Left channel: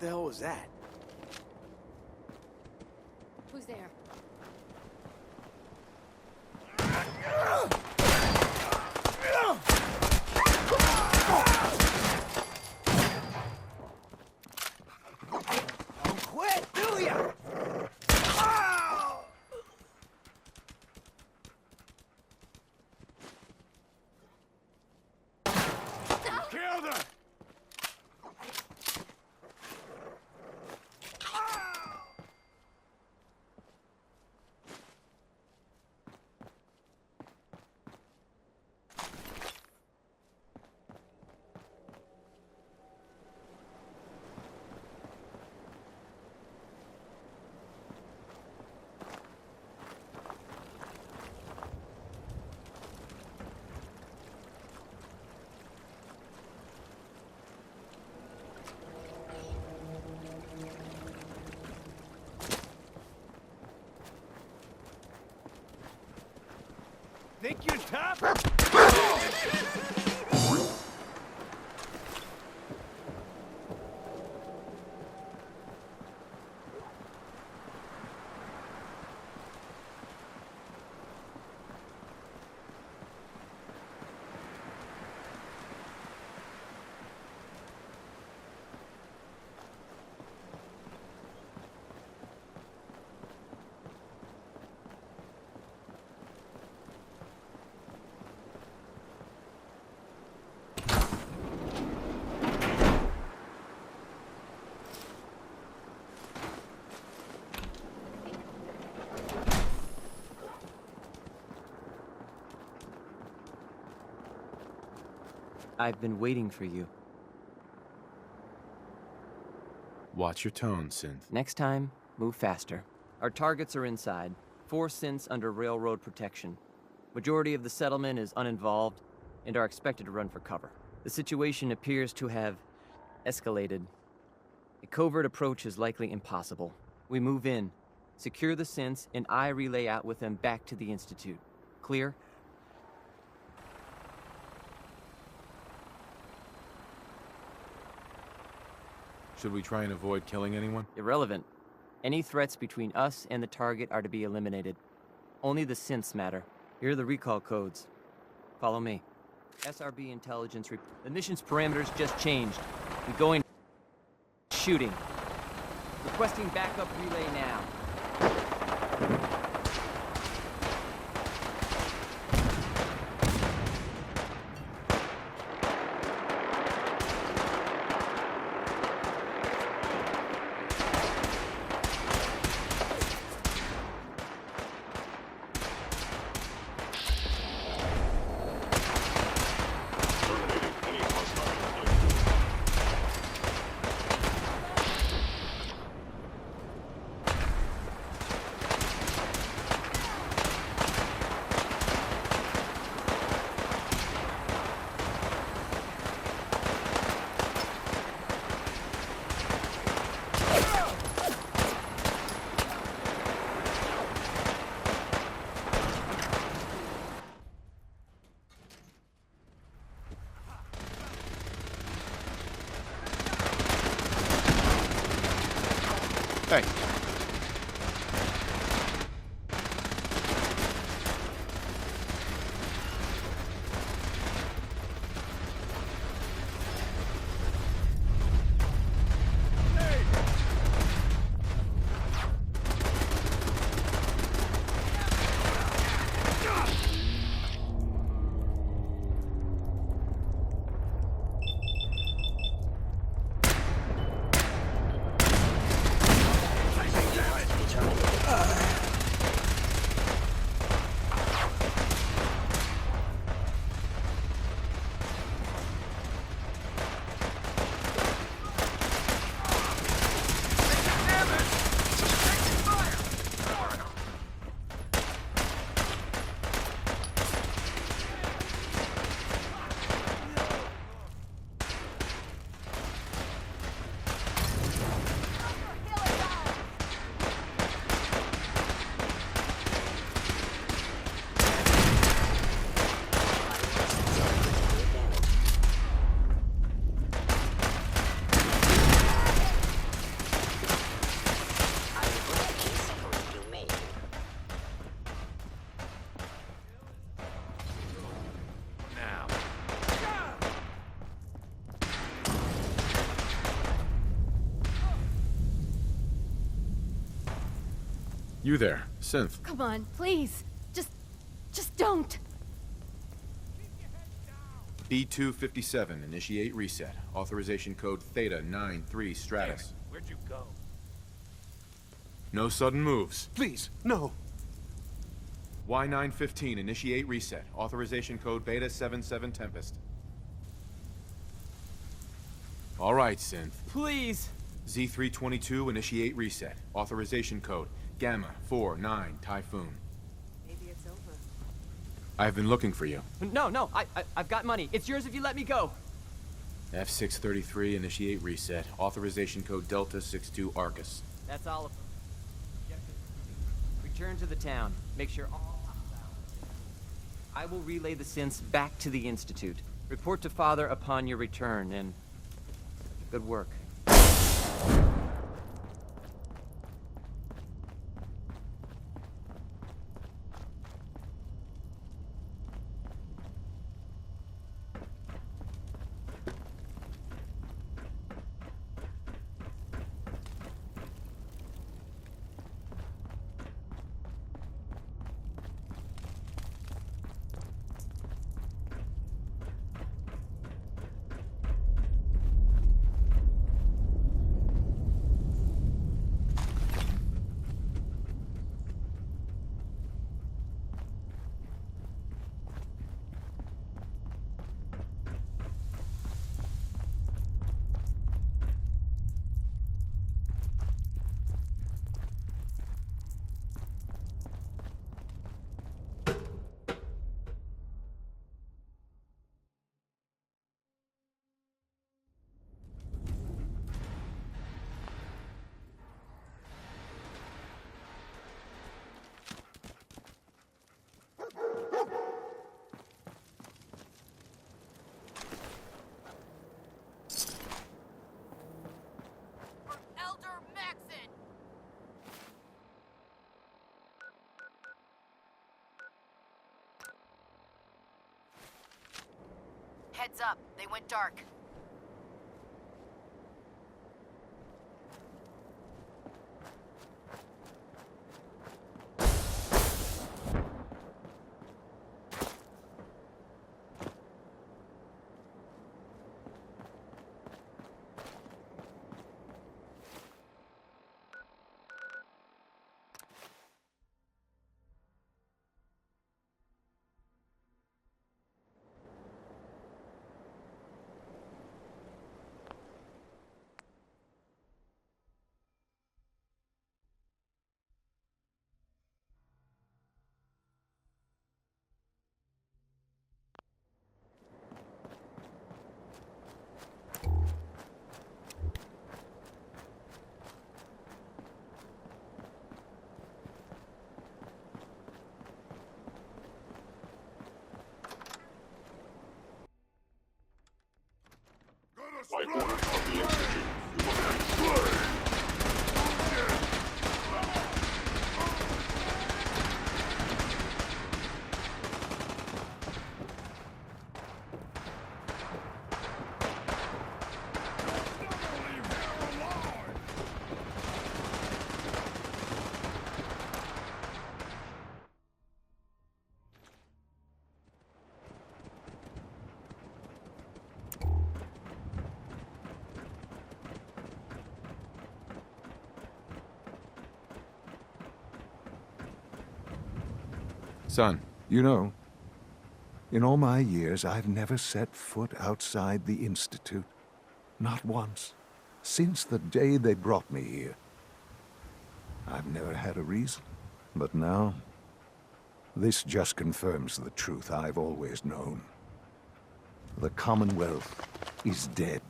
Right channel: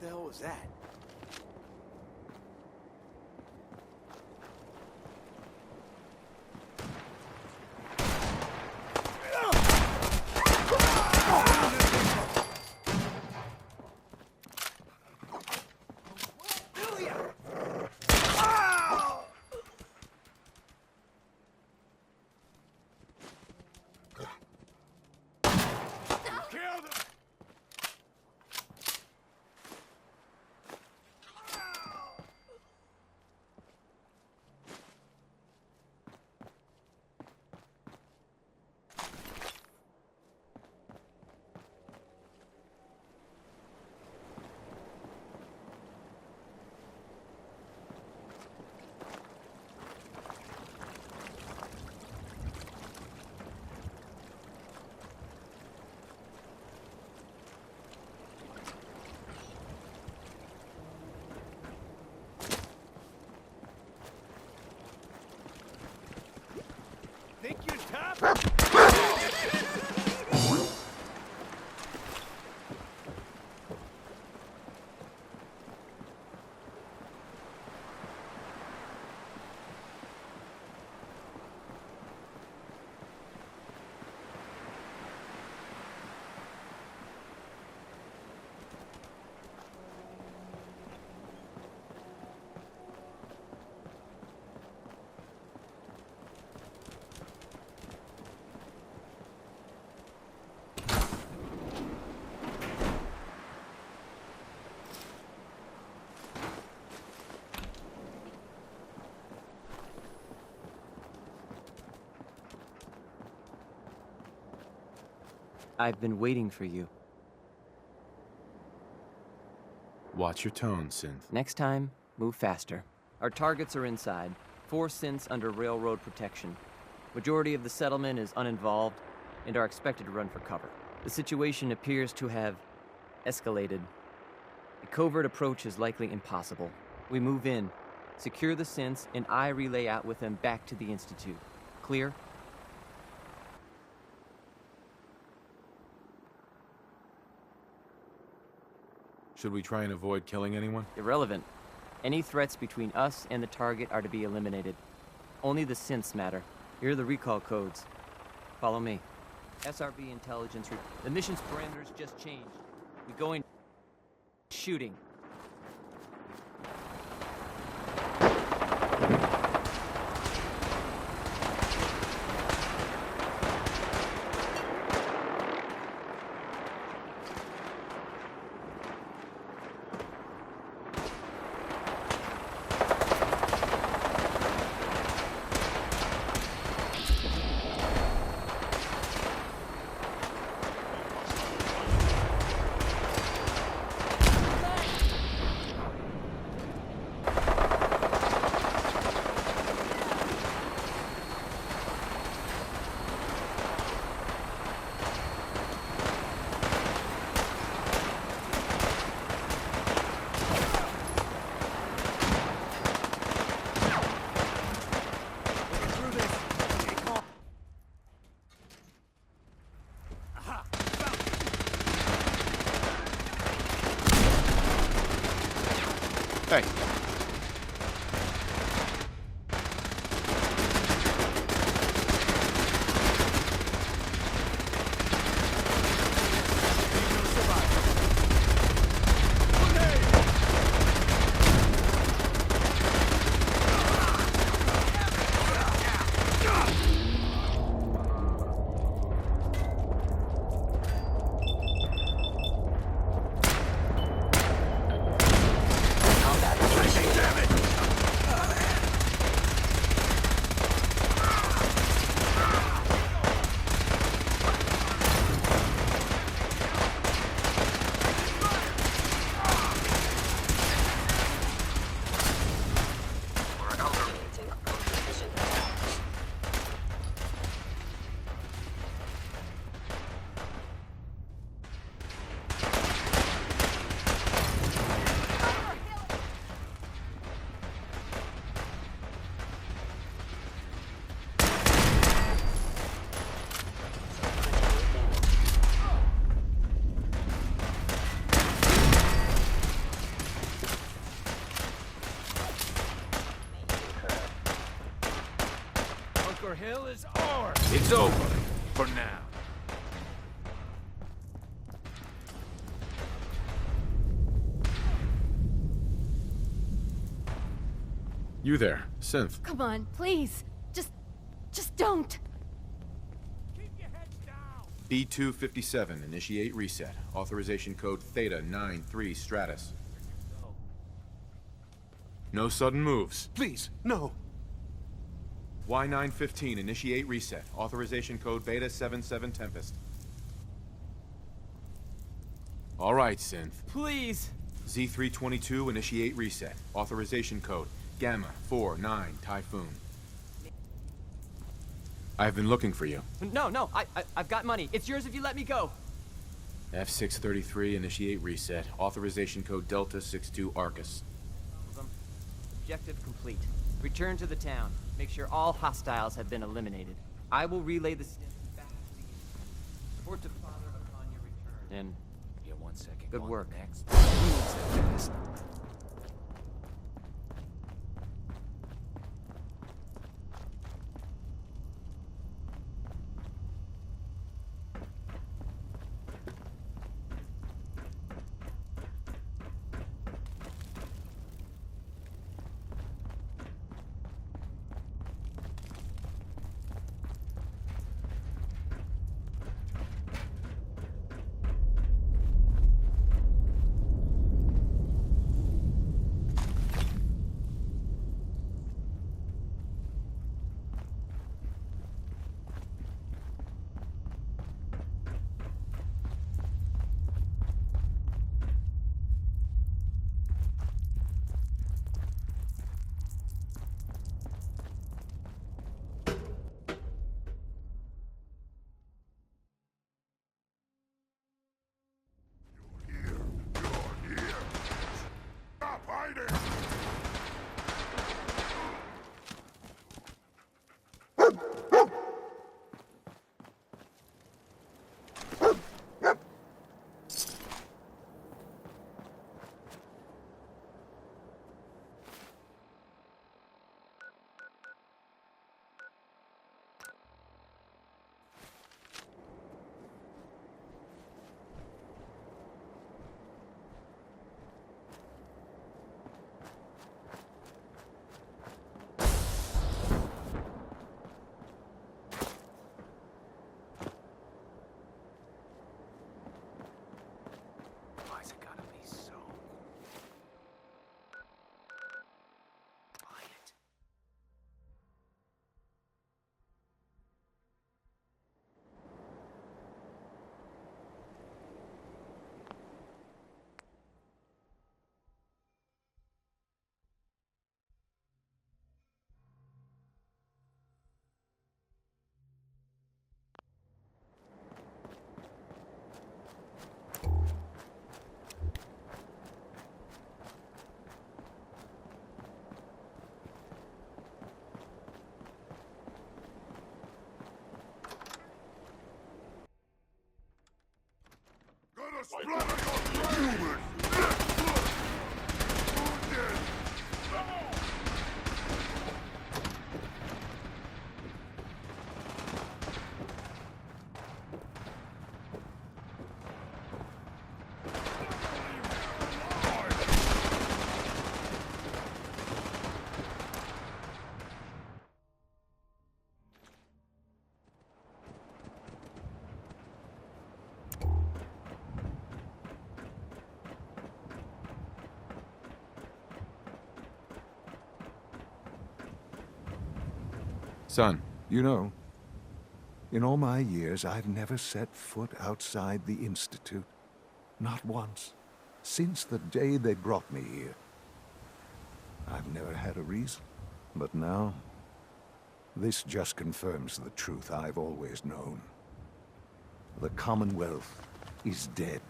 the hell was that? Who's there? Quit, do ya? Killed her! Think you're tough? I've been waiting for you. Watch your tone, Synth. Next time, move faster. Our targets are inside. 4 synths under railroad protection. Majority of the settlement is uninvolved and are expected to run for cover. The situation appears to have escalated. A covert approach is likely impossible. We move in, secure the synths, and I relay out with them back to the Institute. Clear? Should we try and avoid killing anyone? Irrelevant. Any threats between us and the target are to be eliminated. Only the synths matter. Here are the recall codes. Follow me. SRB intelligence. The mission's parameters just changed. We go in. Shooting. Requesting backup relay now. Hey. It's over. For now. You there, Synth. Come on, please. Just don't. Keep your heads down. B257, initiate reset. Authorization code Theta 93 Stratus. Where'd you go? No sudden moves. Please, no. Y915, initiate reset. Authorization code Beta 77 Tempest. All right, Synth. Please! Z322, initiate reset. Authorization code Gamma 49 Typhoon. Maybe it's over. I've been looking for you. No, I've got money. It's yours if you let me go. F633, initiate reset. Authorization code Delta 62 Arcus. That's all of them. Objective complete. Return to the town. Make sure all hostiles have been eliminated. I will relay the synths back to the Institute. Report to Father upon your return, and... Yeah, 1 second. Good work. Elder Maxon! Heads up, they went dark. Why's it gotta be so quiet? Son. You know, in all my years, I've never set foot outside the Institute. Not once. Since the day they brought me here. I've never had a reason. But now, this just confirms the truth I've always known. The Commonwealth is dead.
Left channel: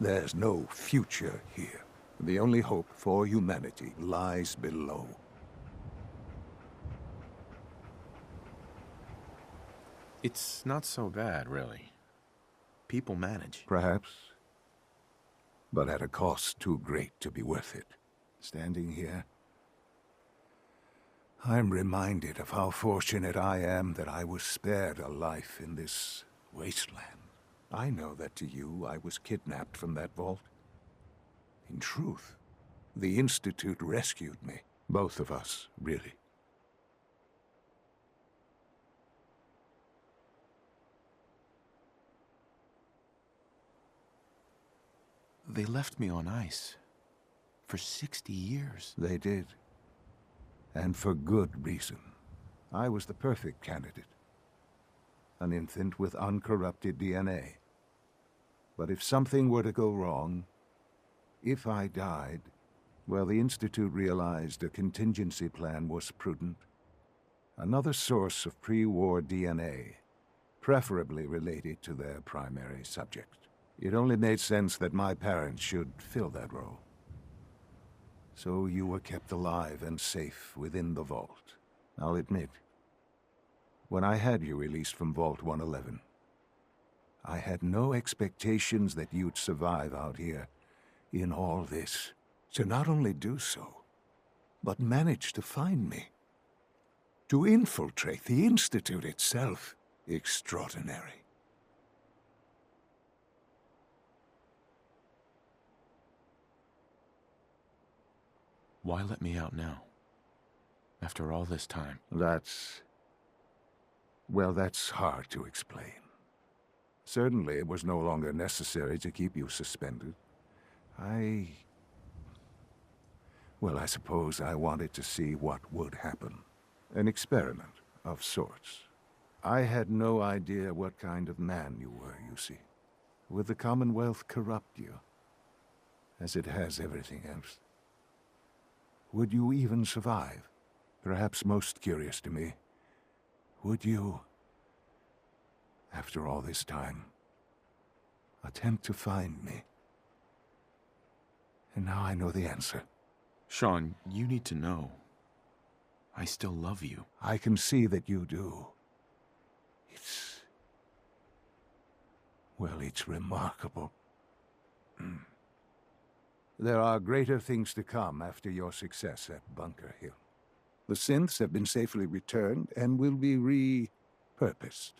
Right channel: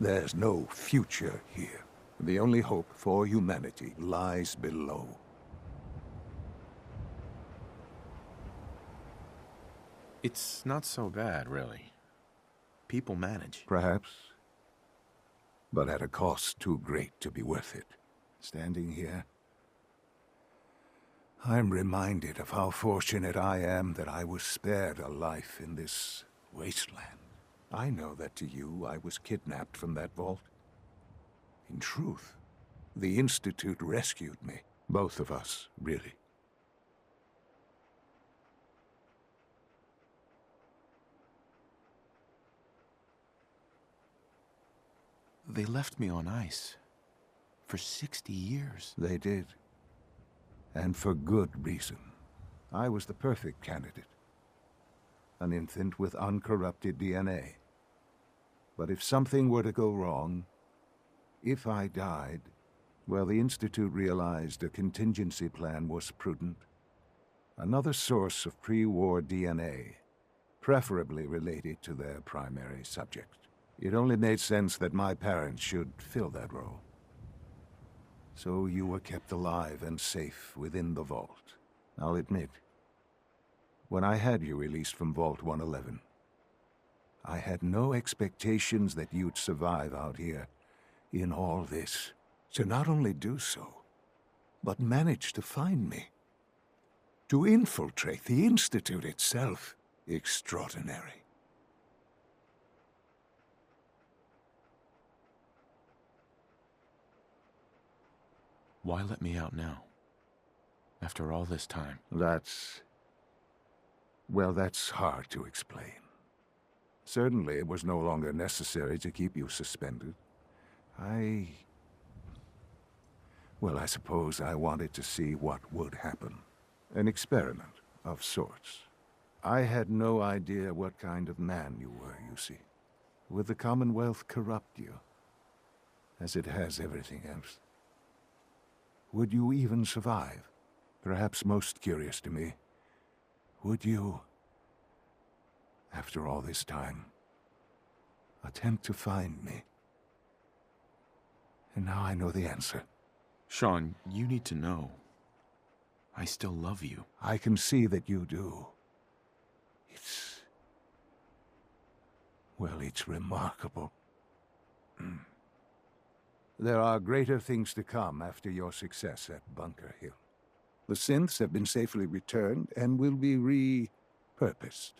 There's no future here. The only hope for humanity lies below. It's not so bad, really. People manage. Perhaps. But at a cost too great to be worth it. Standing here, I'm reminded of how fortunate I am that I was spared a life in this wasteland. I know that to you, I was kidnapped from that vault. In truth, the Institute rescued me. Both of us, really. They left me on ice. For 60 years. They did. And for good reason. I was the perfect candidate. An infant with uncorrupted DNA. But if something were to go wrong, if I died, well, the Institute realized a contingency plan was prudent. Another source of pre-war DNA, preferably related to their primary subject. It only made sense that my parents should fill that role. So you were kept alive and safe within the vault. I'll admit, when I had you released from Vault 111, I had no expectations that you'd survive out here in all this. To not only do so, but manage to find me. To infiltrate the Institute itself. Extraordinary. Why let me out now? After all this time. Well, that's hard to explain. Certainly it was no longer necessary to keep you suspended. Well, I suppose I wanted to see what would happen. An experiment of sorts. I had no idea what kind of man you were, you see. Would the Commonwealth corrupt you? As it has everything else? Would you even survive? Perhaps most curious to me, would you, after all this time, attempt to find me? And now I know the answer. Sean, you need to know. I still love you. I can see that you do. Well, it's remarkable. There are greater things to come after your success at Bunker Hill. The synths have been safely returned and will be repurposed.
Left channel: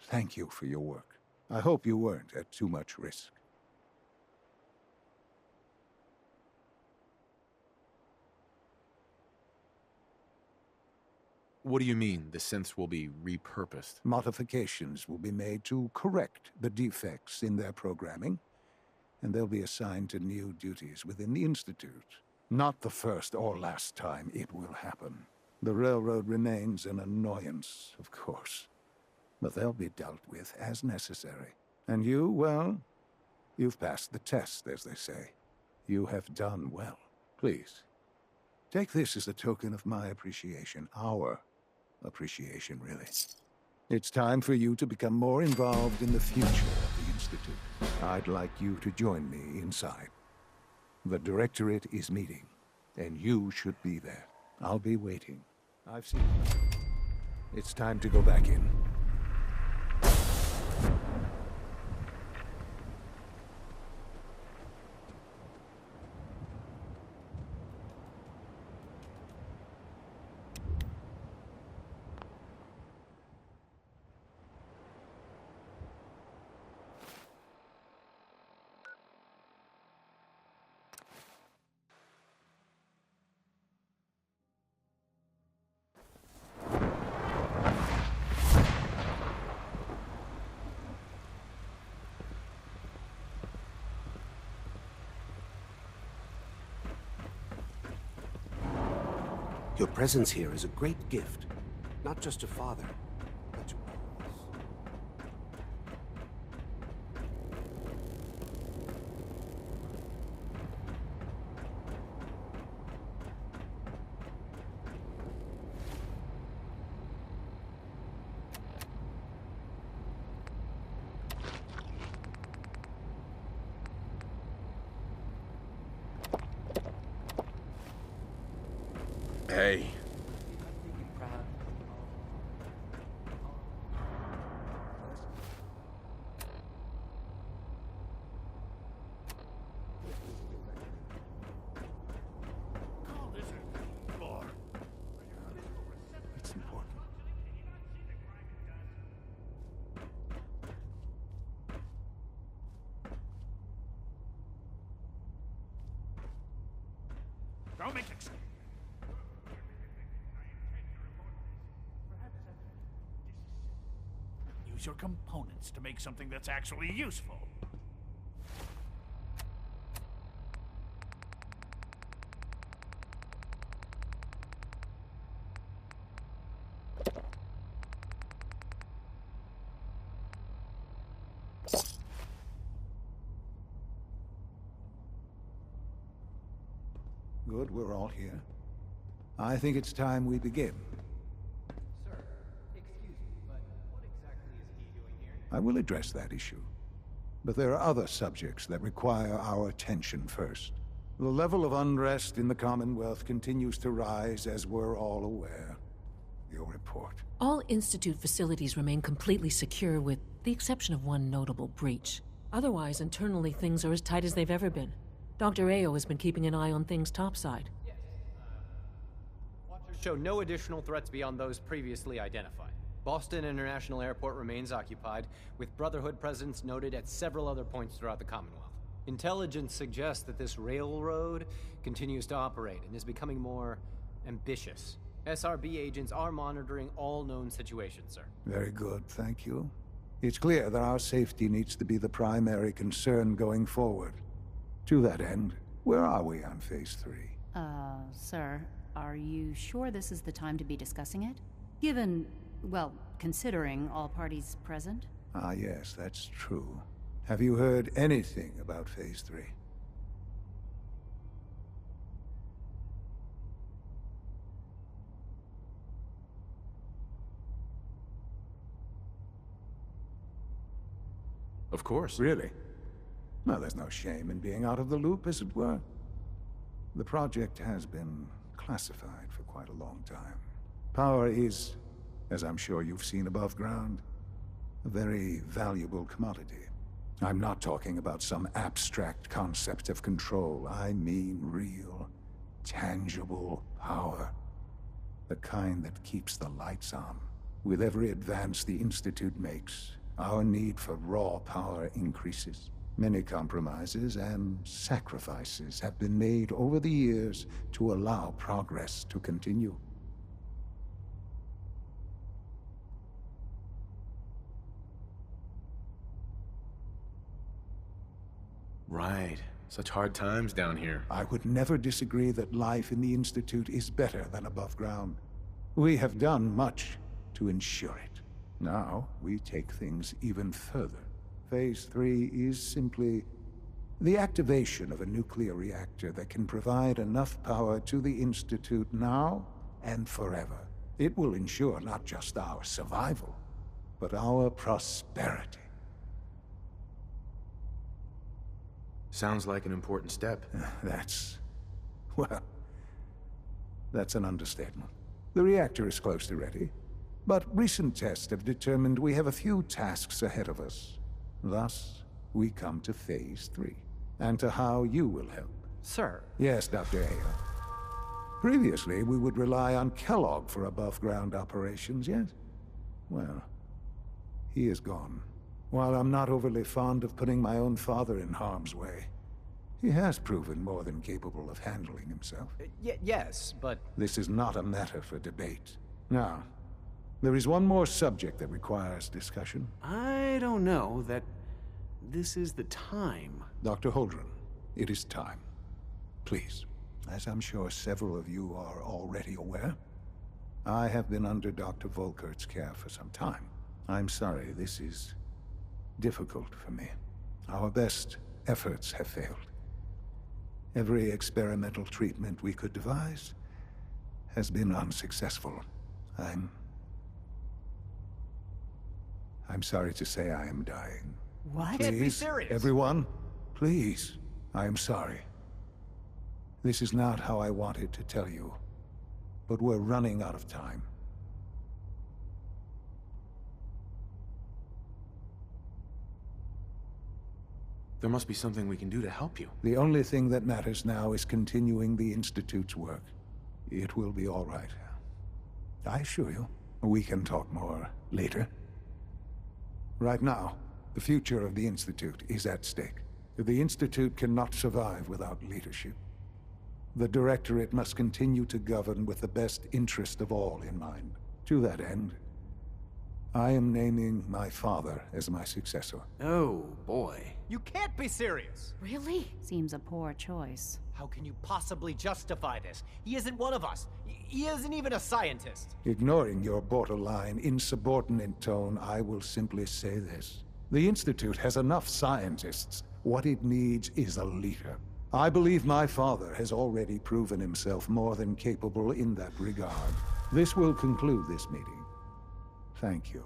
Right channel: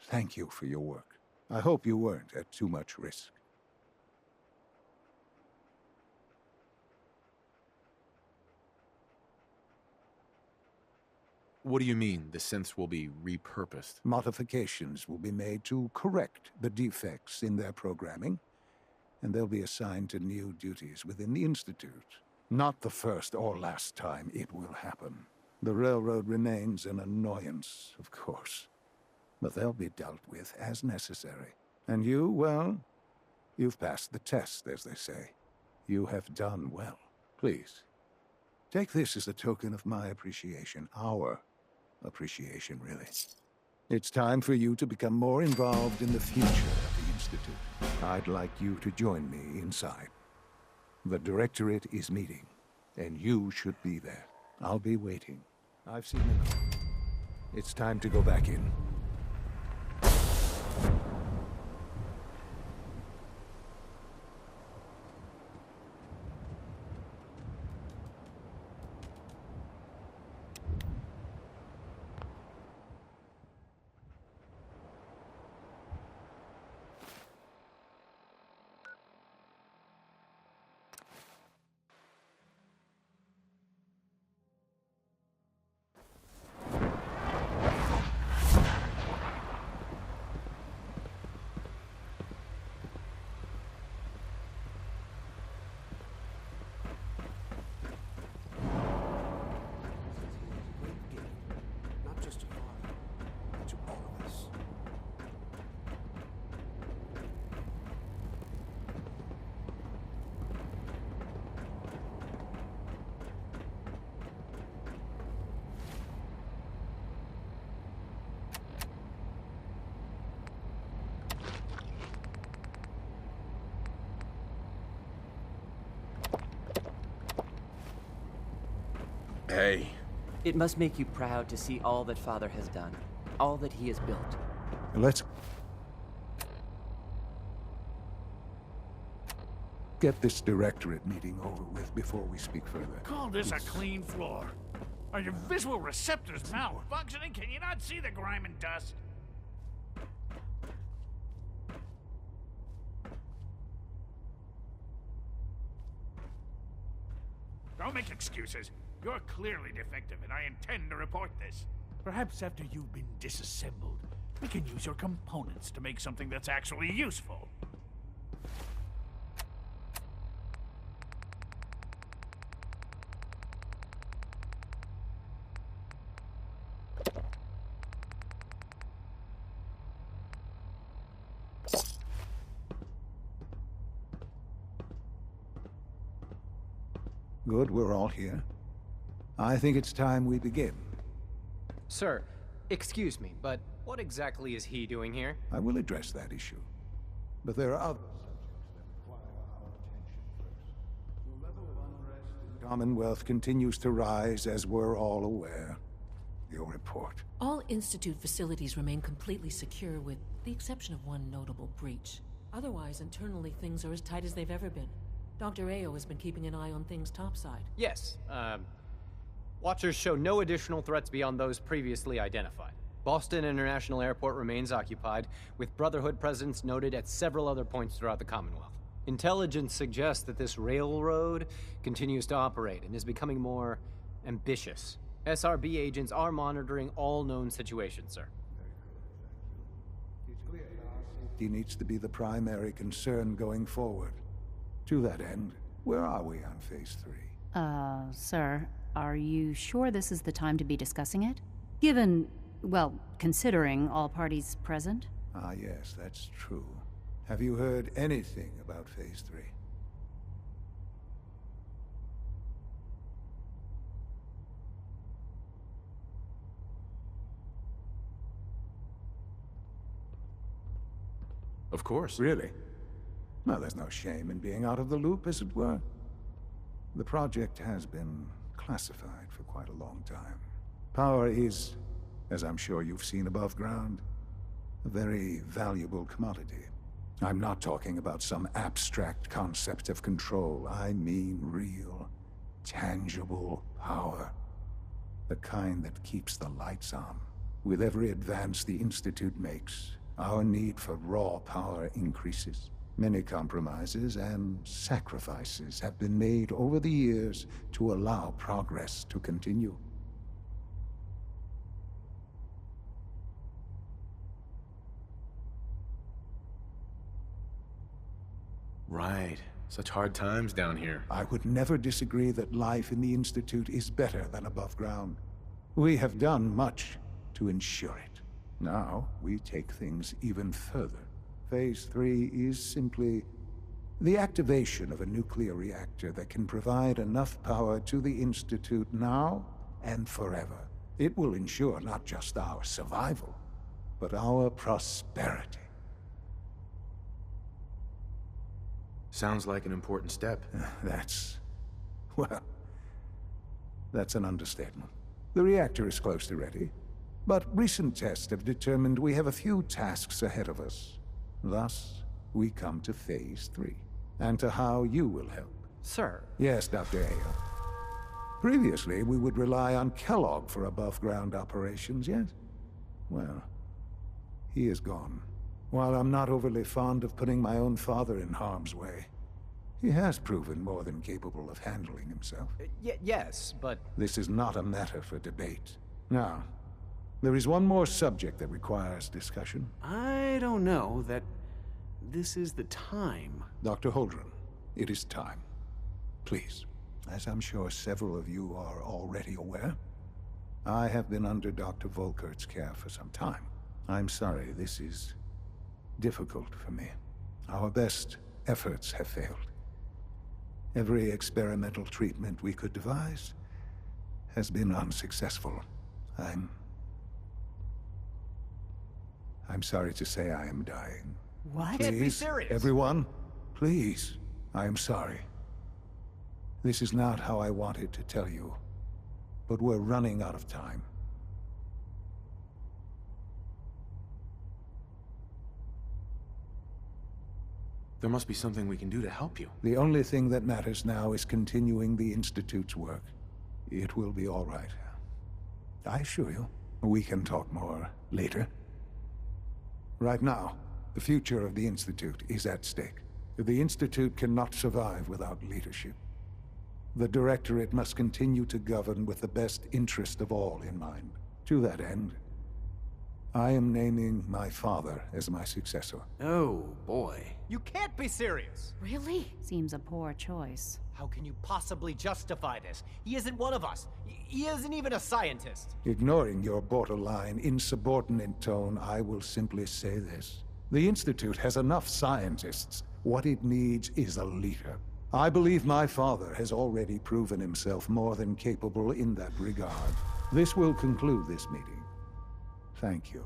Thank you for your work. I hope you weren't at too much risk. What do you mean, the synths will be repurposed? Modifications will be made to correct the defects in their programming, and they'll be assigned to new duties within the Institute. Not the first or last time it will happen. The Railroad remains an annoyance, of course, but they'll be dealt with as necessary. And you, well, you've passed the test, as they say. You have done well. Please, take this as a token of my appreciation, our appreciation, really. It's time for you to become more involved in the future of the Institute. I'd like you to join me inside. The Directorate is meeting, and you should be there. I'll be waiting. I've seen enough. It's time to go back in. Your presence here is a great gift, not just to Father, but to all of us. Hey. It must make you proud to see all that Father has done, all that he has built. Let's... get this directorate meeting over with before we speak further. Call this a clean floor. Are your visual receptors malfunctioning? Can you not see the grime and dust? Don't make excuses. You're clearly defective, and I intend to report this. Perhaps after you've been disassembled, we can use your components to make something that's actually useful. Good, we're all here. I think it's time we begin. Sir, excuse me, but what exactly is he doing here? I will address that issue. But there are other subjects that require our attention first. The level of unrest in the Commonwealth continues to rise, as we're all aware. Your report. All Institute facilities remain completely secure with the exception of one notable breach. Otherwise, internally things are as tight as they've ever been. Dr. Ao has been keeping an eye on things topside. Yes, Watchers show no additional threats beyond those previously identified. Boston International Airport remains occupied, with Brotherhood presence noted at several other points throughout the Commonwealth. Intelligence suggests that this railroad continues to operate and is becoming more ambitious. SRB agents are monitoring all known situations, sir. Very good, thank you. It's clear that our safety needs to be the primary concern going forward. To that end, where are we on Phase 3? Sir, are you sure this is the time to be discussing it? Given, well, considering all parties present? Ah, yes, that's true. Have you heard anything about Phase 3? Of course. Really? Well, there's no shame in being out of the loop, as it were. The project has been classified for quite a long time. Power is, as I'm sure you've seen above ground, a very valuable commodity. I'm not talking about some abstract concept of control. I mean real, tangible power. The kind that keeps the lights on. With every advance the Institute makes, our need for raw power increases. Many compromises and sacrifices have been made over the years to allow progress to continue. Right. Such hard times down here. I would never disagree that life in the Institute is better than above ground. We have done much to ensure it. Now, we take things even further. Phase 3 is simply the activation of a nuclear reactor that can provide enough power to the Institute now and forever. It will ensure not just our survival, but our prosperity. Sounds like an important step. That's an understatement. The reactor is close to ready, but recent tests have determined we have a few tasks ahead of us. Thus, we come to Phase 3, and to how you will help. Sir. Yes, Dr. Ao. Previously, we would rely on Kellogg for above-ground operations, yes? Well, he is gone. While I'm not overly fond of putting my own father in harm's way, he has proven more than capable of handling himself. Yes, but... This is not a matter for debate. Now, there is one more subject that requires discussion. I don't know that this is the time. Dr. Holdren, it is time. Please. As I'm sure several of you are already aware, I have been under Dr. Volkert's care for some time. I'm sorry, this is difficult for me. Our best efforts have failed. Every experimental treatment we could devise has been unsuccessful. I'm sorry to say I am dying. What? Can't be Please, serious. everyone, please, I am sorry. This is not how I wanted to tell you, but we're running out of time. There must be something we can do to help you. The only thing that matters now is continuing the Institute's work. It will be all right. I assure you, we can talk more later. Right now, the future of the Institute is at stake. The Institute cannot survive without leadership. The Directorate must continue to govern with the best interest of all in mind. To that end, I am naming my father as my successor. Oh, boy. You can't be serious! Really? Seems a poor choice. How can you possibly justify this? He isn't one of us. He isn't even a scientist. Ignoring your borderline, insubordinate tone, I will simply say this. The Institute has enough scientists. What it needs is a leader. I believe my father has already proven himself more than capable in that regard. This will conclude this meeting. Thank you.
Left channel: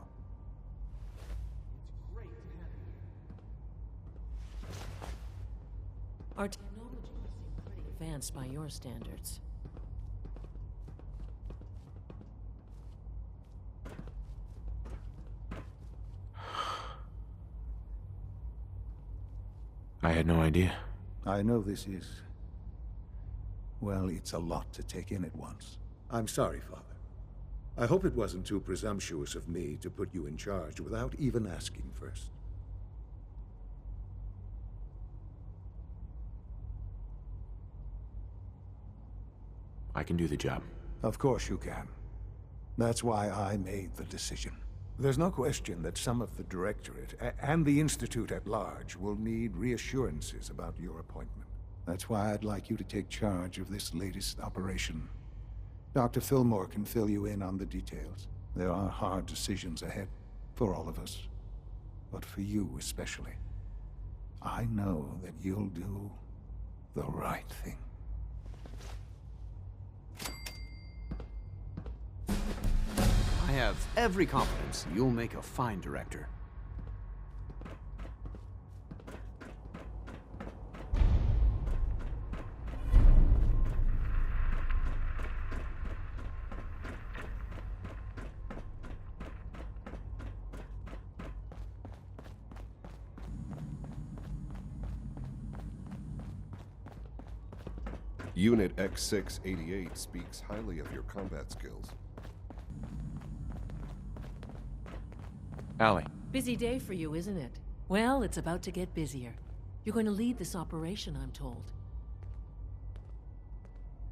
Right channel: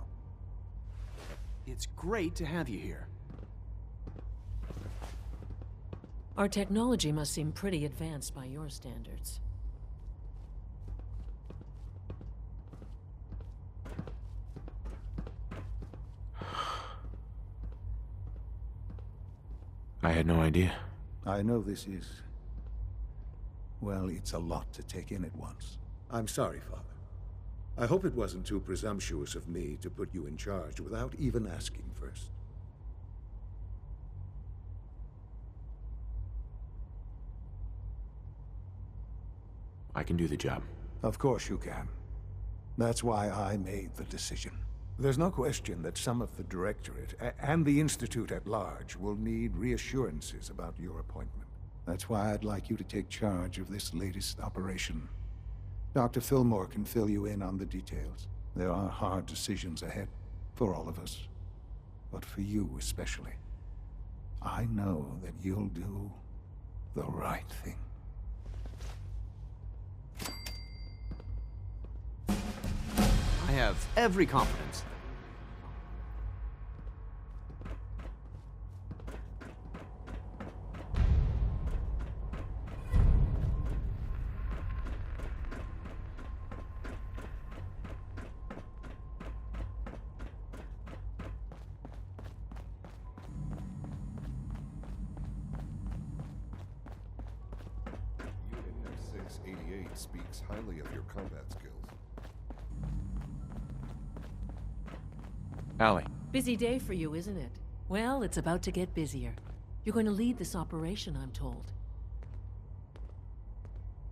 It's great to have you here. Our technology must seem pretty advanced by your standards. I had no idea. I know this is... well, it's a lot to take in at once. I'm sorry, Father. I hope it wasn't too presumptuous of me to put you in charge without even asking first. I can do the job. Of course you can. That's why I made the decision. There's no question that some of the Directorate and the Institute at large will need reassurances about your appointment. That's why I'd like you to take charge of this latest operation. Dr. Fillmore can fill you in on the details. There are hard decisions ahead, for all of us. But for you especially. I know that you'll do the right thing. I have every confidence you'll make a fine director. Unit X688 speaks highly of your combat skills. Allie. Busy day for you, isn't it? Well, it's about to get busier. You're going to lead this operation, I'm told.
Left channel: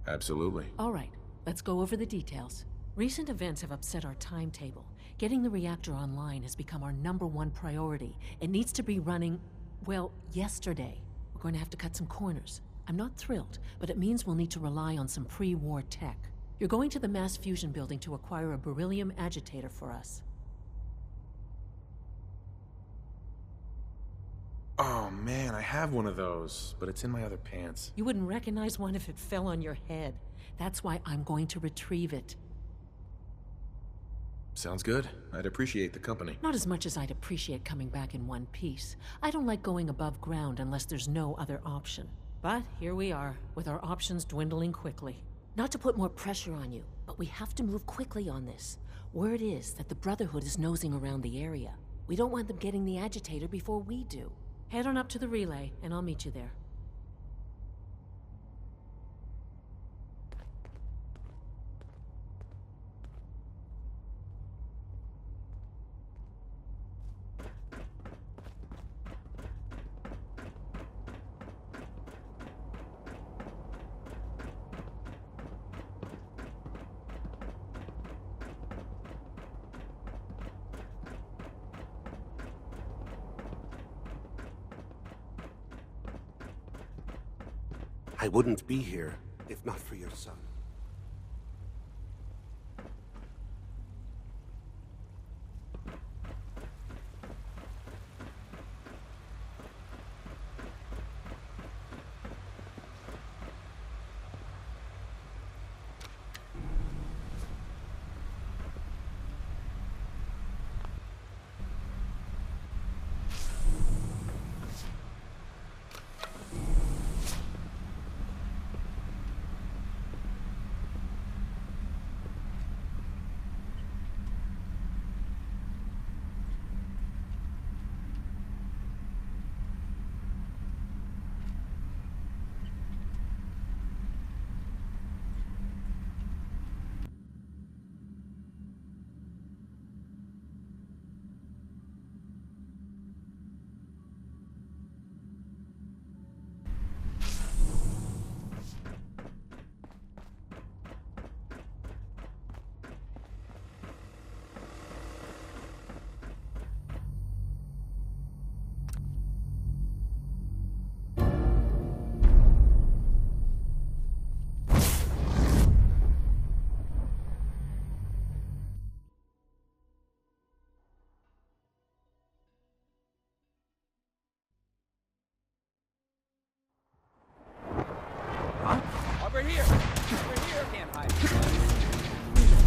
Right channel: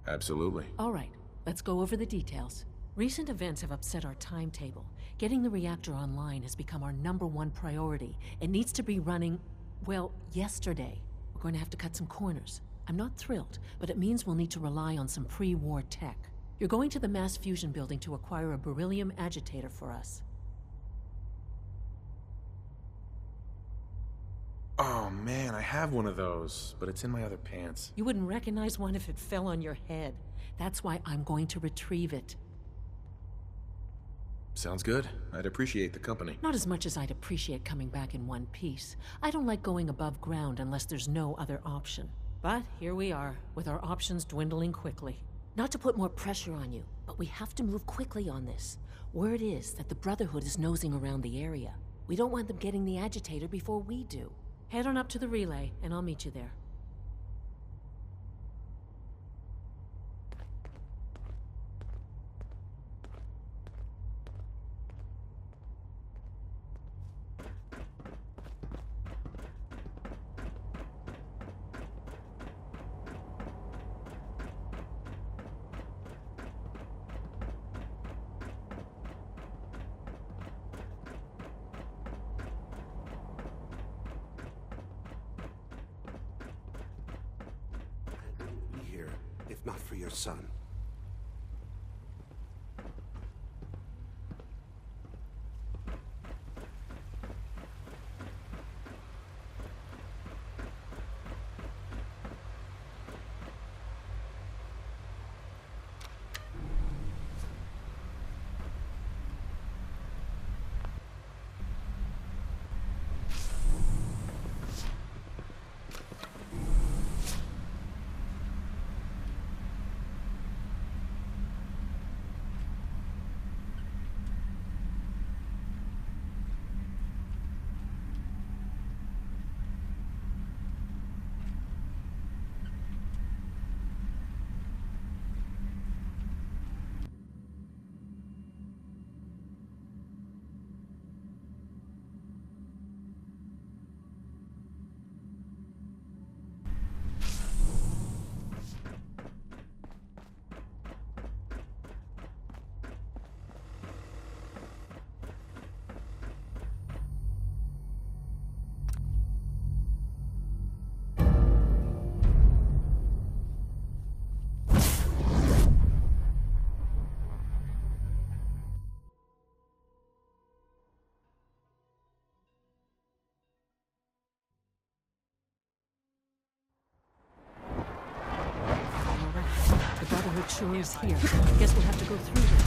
Absolutely. All right, let's go over the details. Recent events have upset our timetable. Getting the reactor online has become our #1 priority. It needs to be running, well, yesterday. We're going to have to cut some corners. I'm not thrilled, but it means we'll need to rely on some pre-war tech. You're going to the mass fusion building to acquire a beryllium agitator for us. Oh man, I have one of those, but it's in my other pants. You wouldn't recognize one if it fell on your head. That's why I'm going to retrieve it. Sounds good. I'd appreciate the company. Not as much as I'd appreciate coming back in one piece. I don't like going above ground unless there's no other option. But here we are, with our options dwindling quickly. Not to put more pressure on you, but we have to move quickly on this. Word is that the Brotherhood is nosing around the area. We don't want them getting the agitator before we do. Head on up to the relay, and I'll meet you there. I wouldn't be here if not for your son. eventually escape. Guess we'll have to go through them.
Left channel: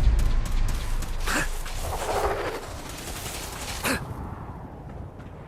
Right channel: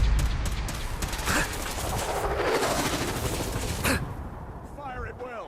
Fire at will.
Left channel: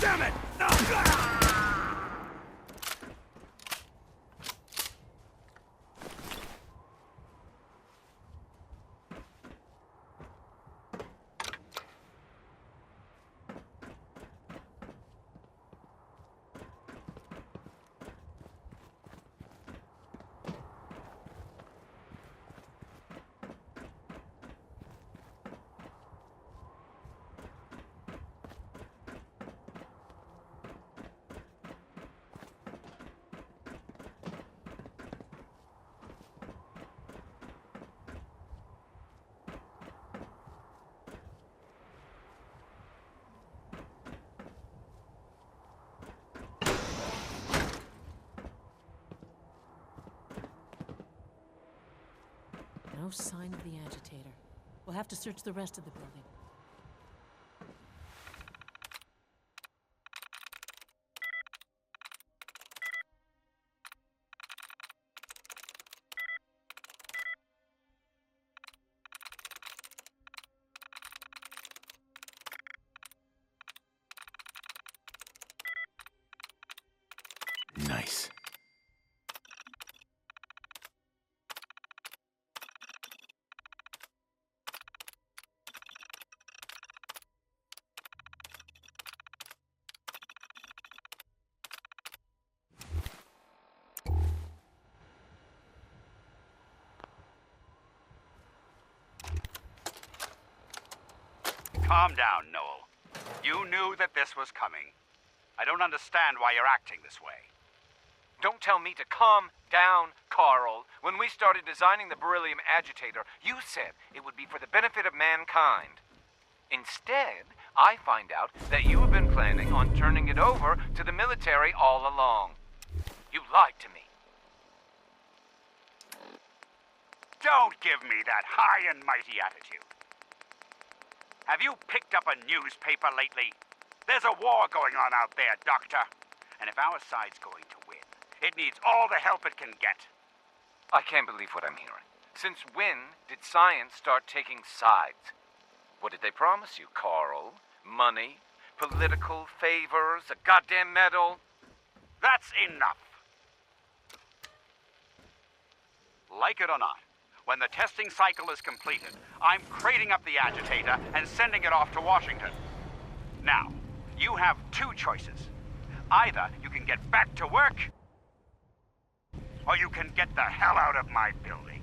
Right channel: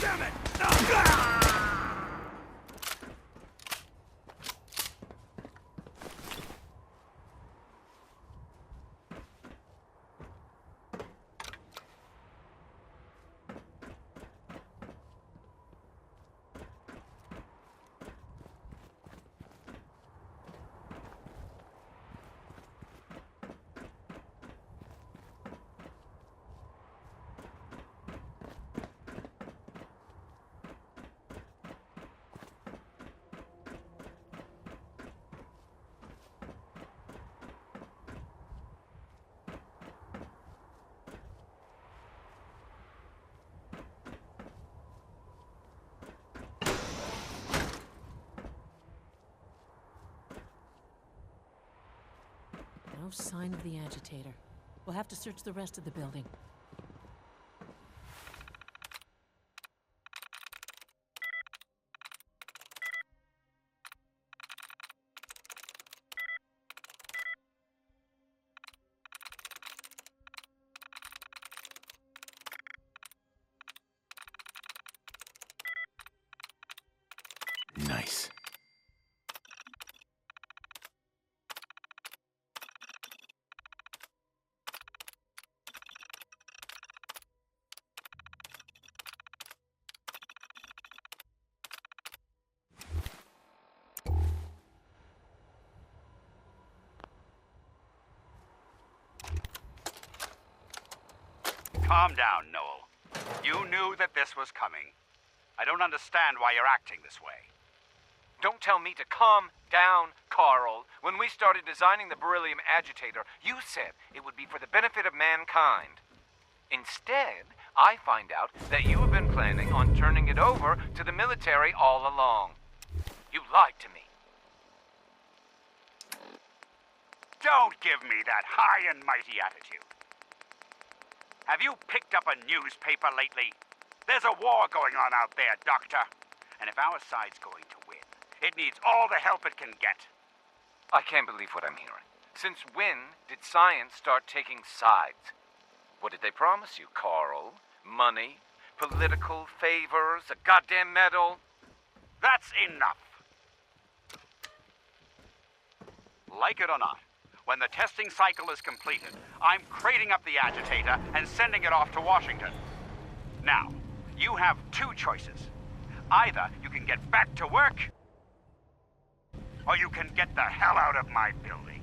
Damn it! No sign of the agitator. We'll have to search the rest of the building. Nice. Calm down, Noel. You knew that this was coming. I don't understand why you're acting this way. Don't tell me to calm down, Carl. When we started designing the beryllium agitator, you said it would be for the benefit of mankind. Instead, I find out that you have been planning on turning it over to the military all along. You lied to me. Don't give me that high and mighty attitude. Have you picked up a newspaper lately? There's a war going on out there, Doctor. And if our side's going to win, it needs all the help it can get. I can't believe what I'm hearing. Since when did science start taking sides? What did they promise you, Carl? Money? Political favors? A goddamn medal? That's enough. Like it or not, when the testing cycle is completed, I'm crating up the agitator and sending it off to Washington. Now, you have two choices. Either you can get back to work, or you can get the hell out of my building.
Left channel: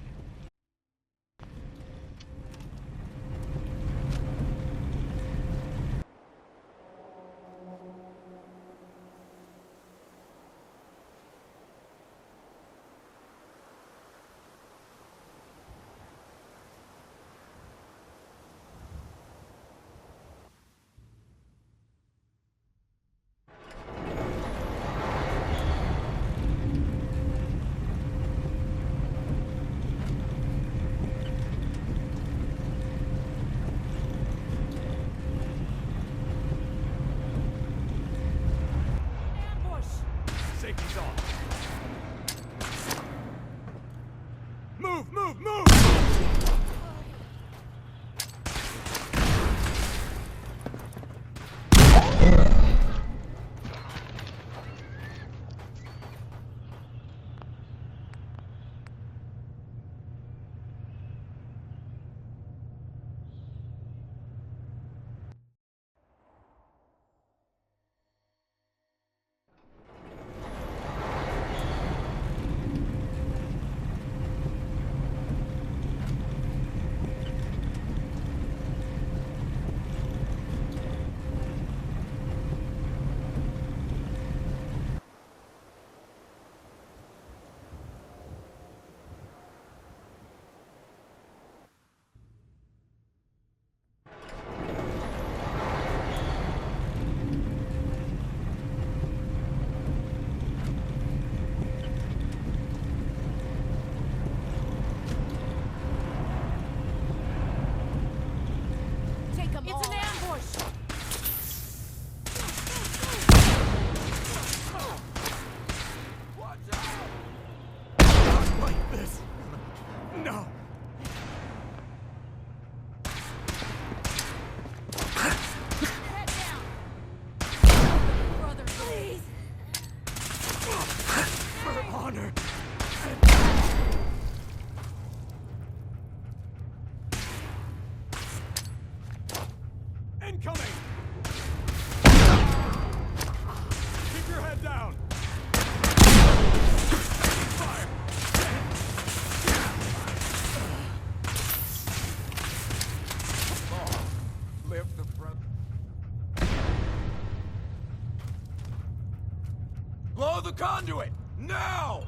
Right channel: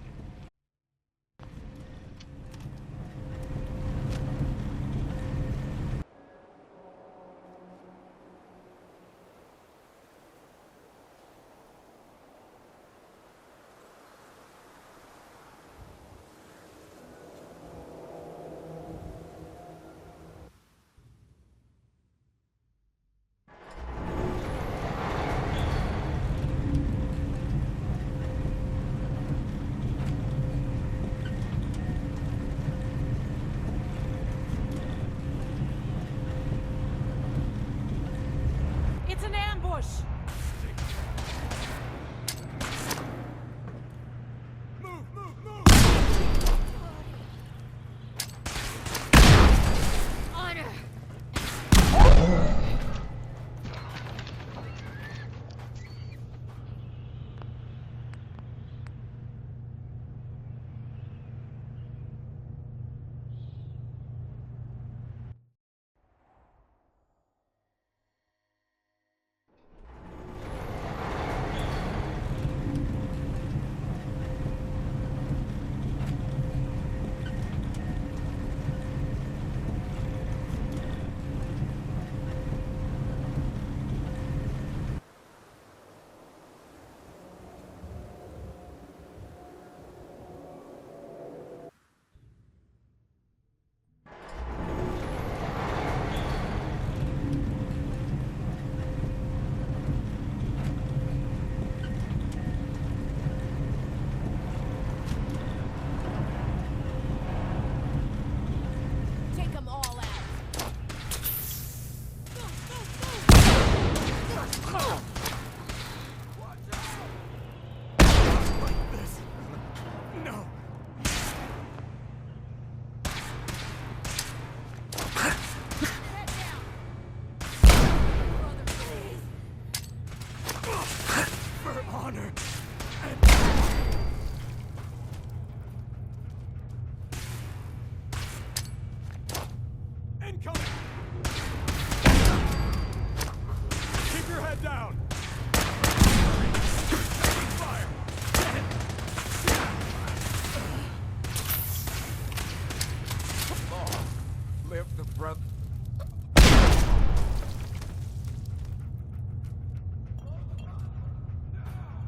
conduit! Now!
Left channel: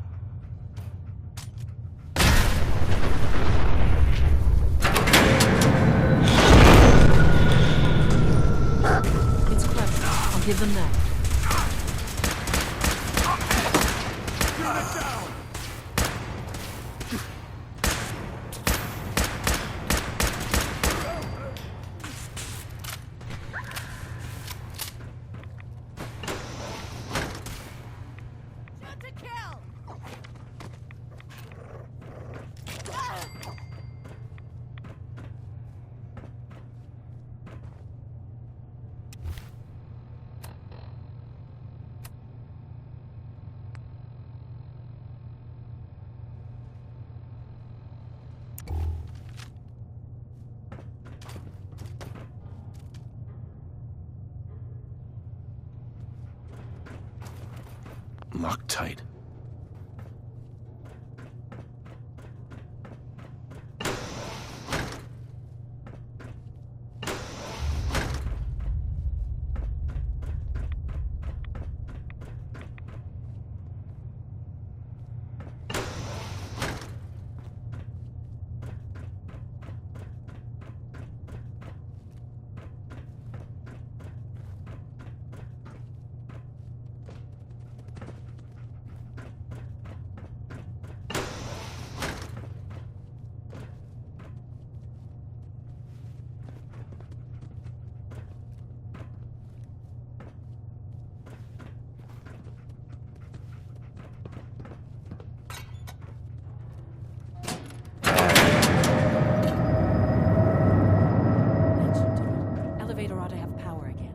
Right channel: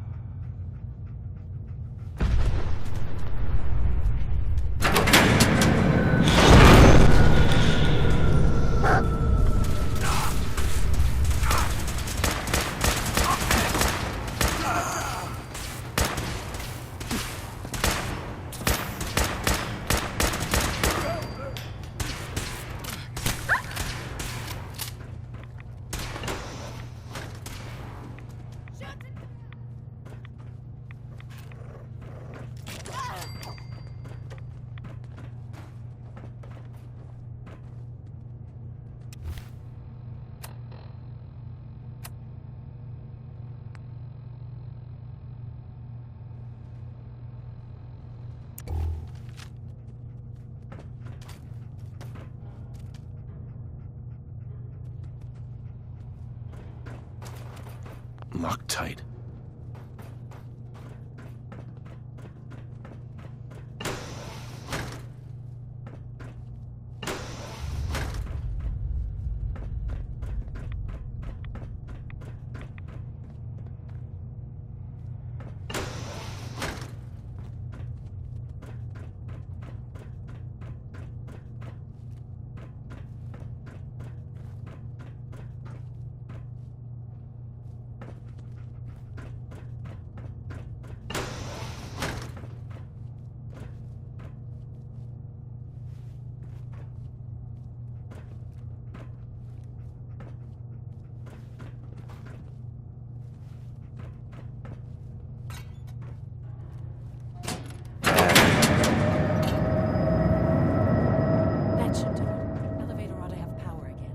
It's crushed. I'll give them that. Shoot to kill! Loctite. That should do it. Elevator ought to have power again.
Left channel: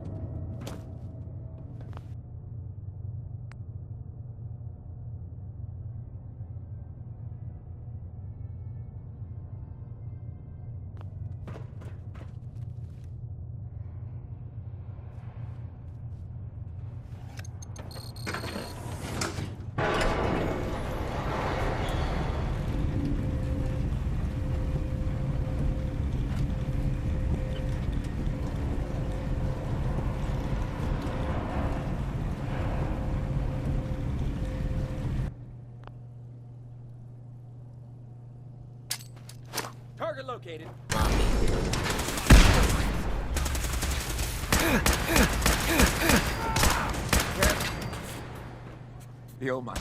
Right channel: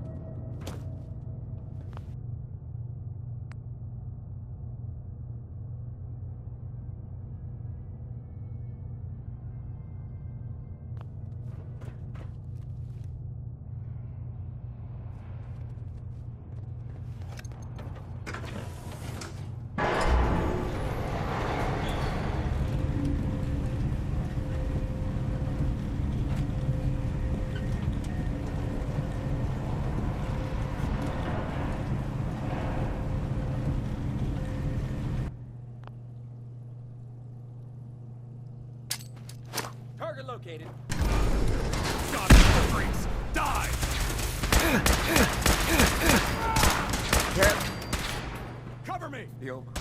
Target located. Cover me! You're mine.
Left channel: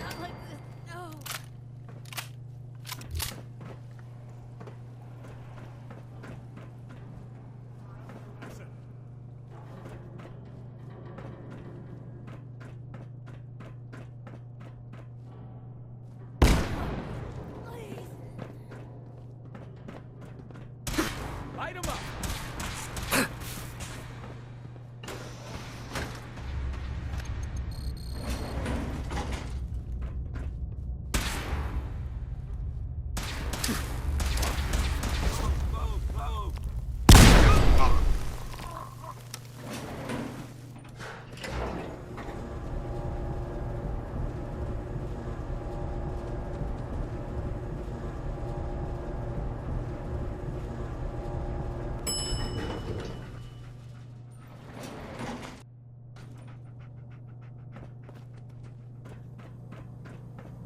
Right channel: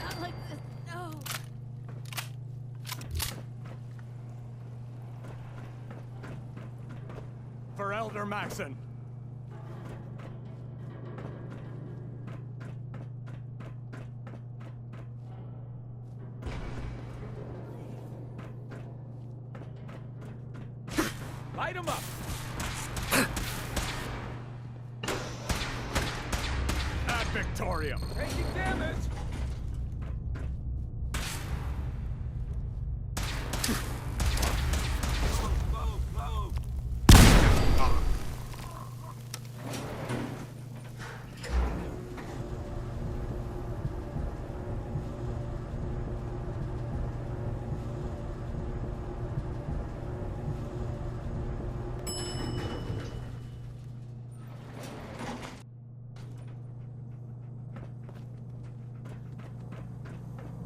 Not like this, no! For Elder Maxon. Light him up! At Victoria. Taking damage! Move, move!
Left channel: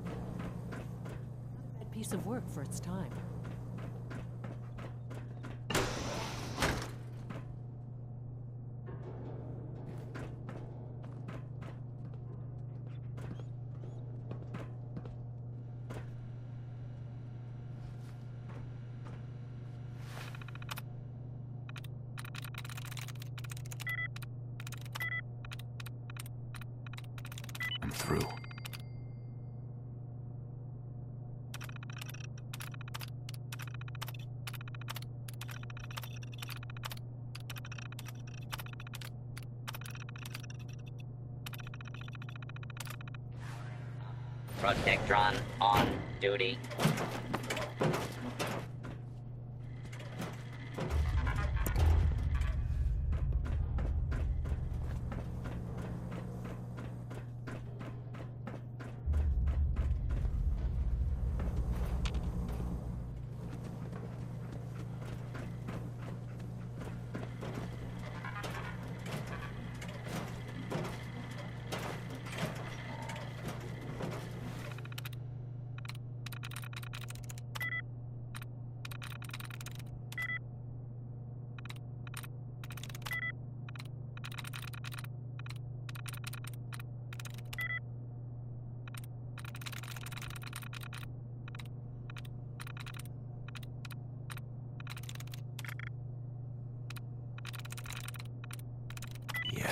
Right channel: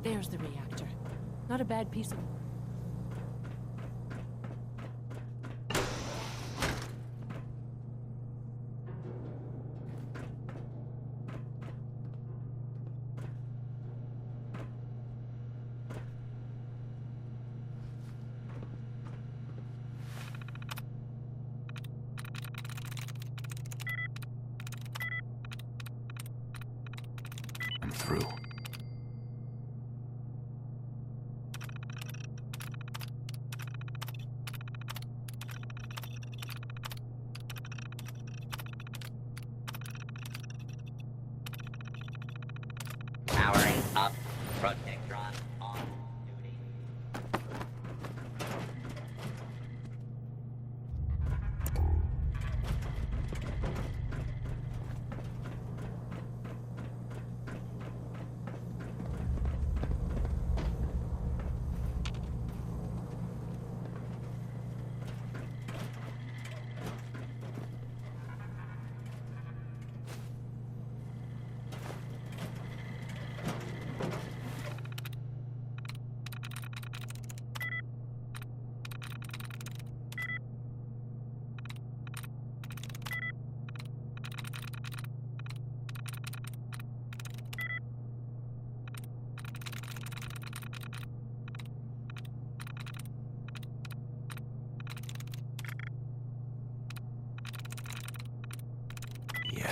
There's the reactor. Not a bad piece of work for its time. I'm through. Powering up. Protectron on duty.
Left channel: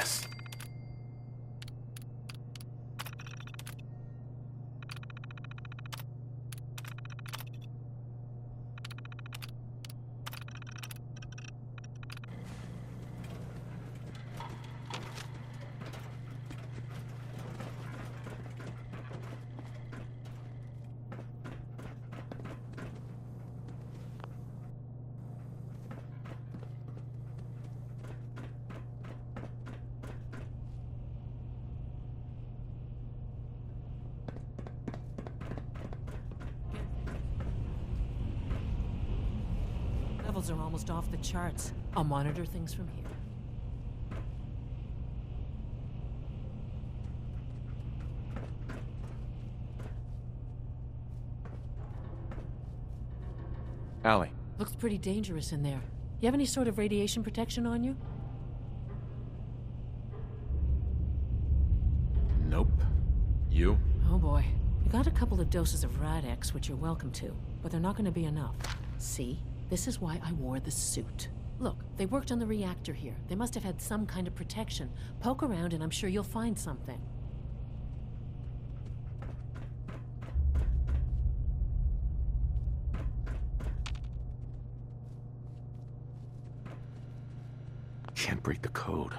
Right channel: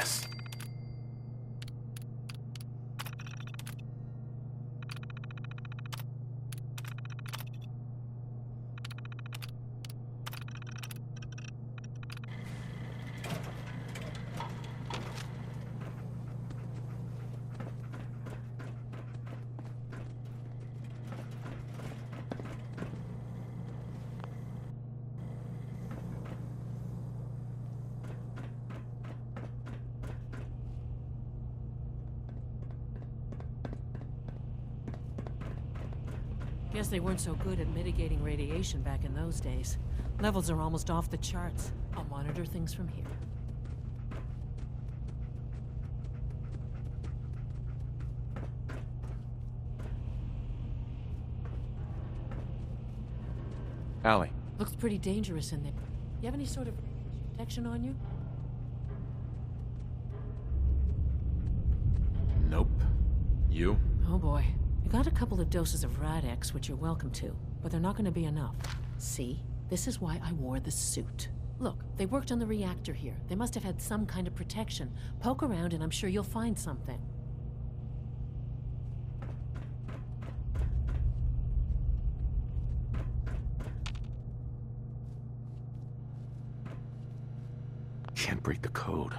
mess. Guess they weren't so good at mitigating radiation back in those days. Levels are almost off the charts. I'll monitor things from here. Allie. Looks pretty dangerous in there. You have any sort of radiation protection on you? Nope. You? Oh boy. I got a couple of doses of Rad-X, which you're welcome to, but they're not going to be enough. See? This is why I wore the suit. Look, they worked on the reactor here. They must have had some kind of protection. Poke around and I'm sure you'll find something. Can't break the code.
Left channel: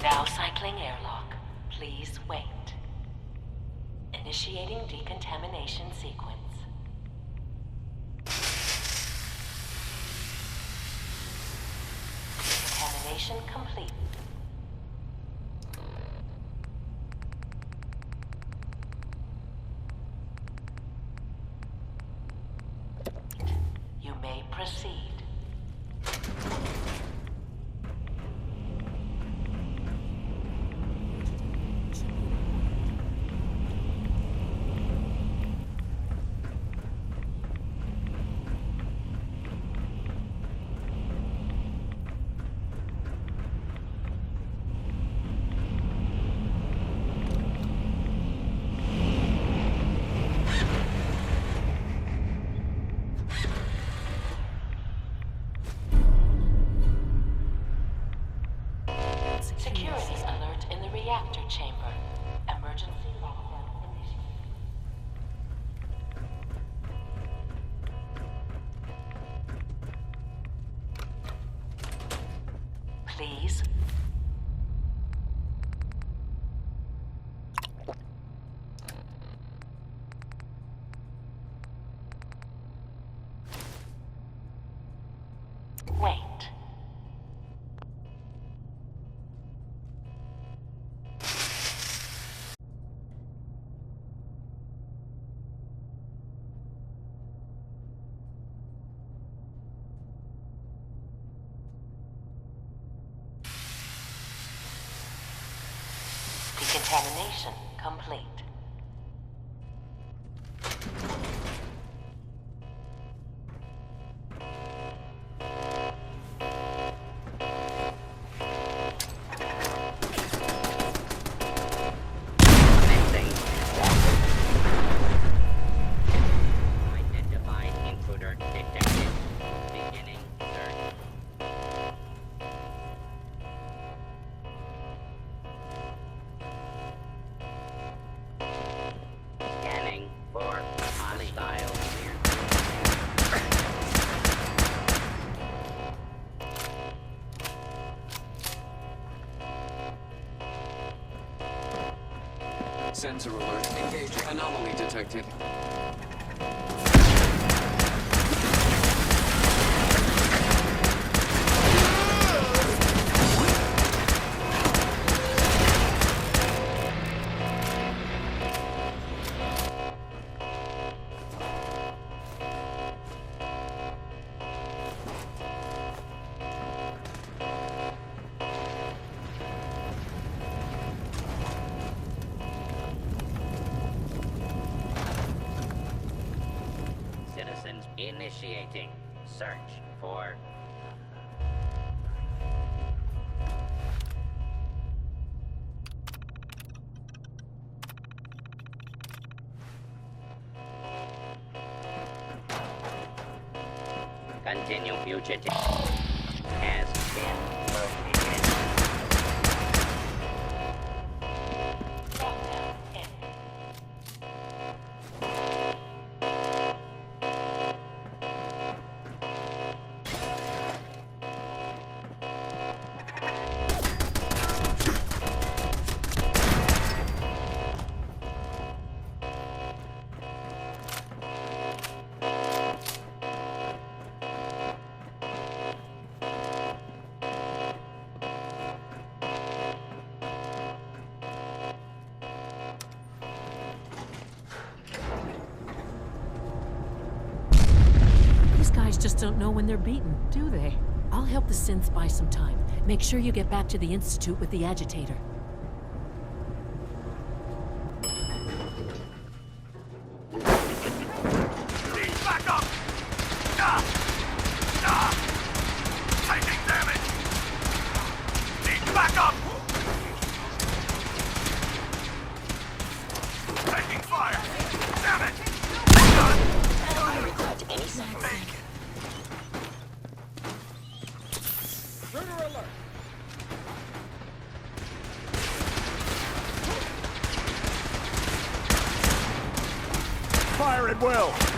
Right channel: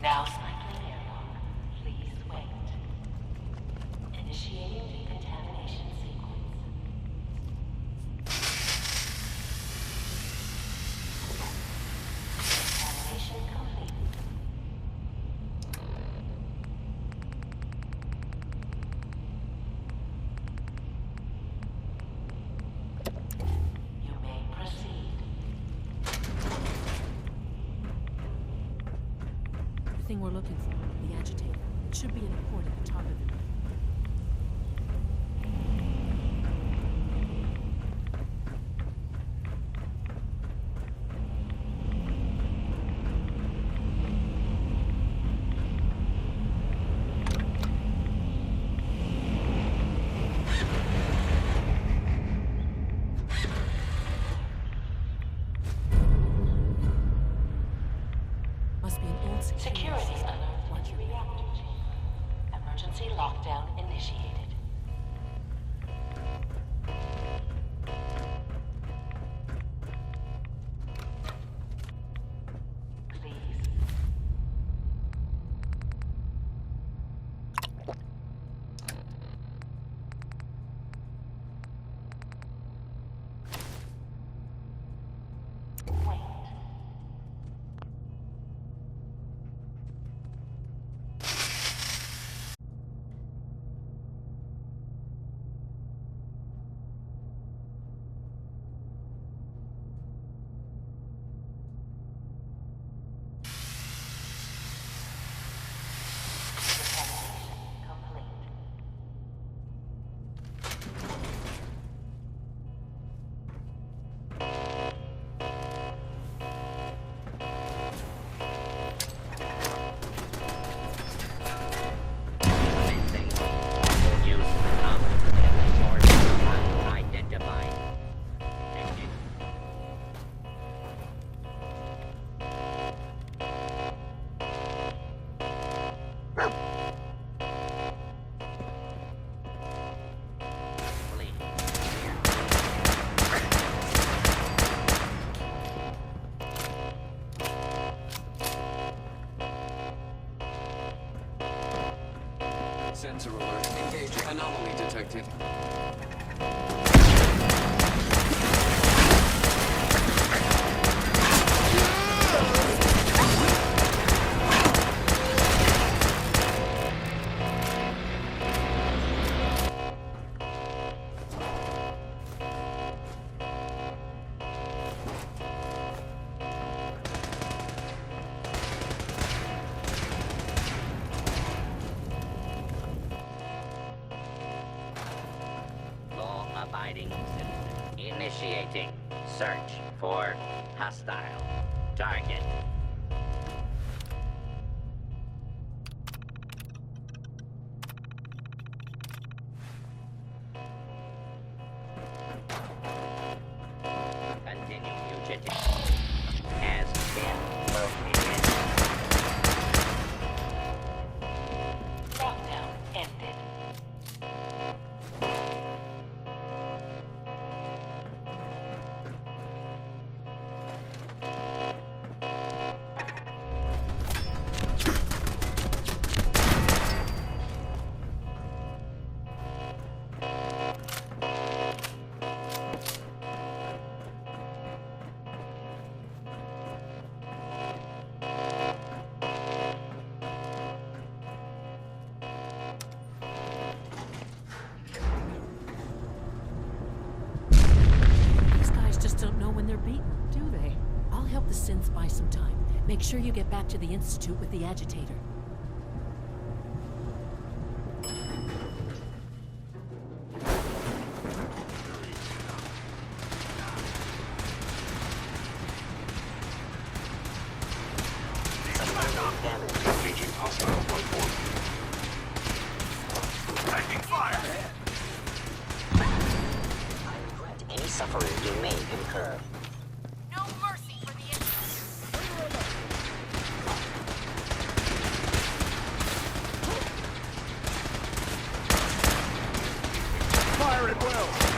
Now cycling airlock. Please wait. Initiating decontamination sequence. Decontamination complete. You may proceed. Should be an important target. Security alert in the reactor chamber. Emergency lockdown initiated. Please. Wait. Decontamination complete. Sensor alert. Engage. Anomaly detected. Law-abiding citizens initiating search for hostile target. Continue fugitive. Has been located. Lockdown ended. These guys just don't know when they're beaten, do they? I'll help the synths buy some time. Make sure you get back to the Institute with the agitator. Back up! Taking damage! Need back up! Taking fire! Damage! I regret any suffering you may incur. Fire at will!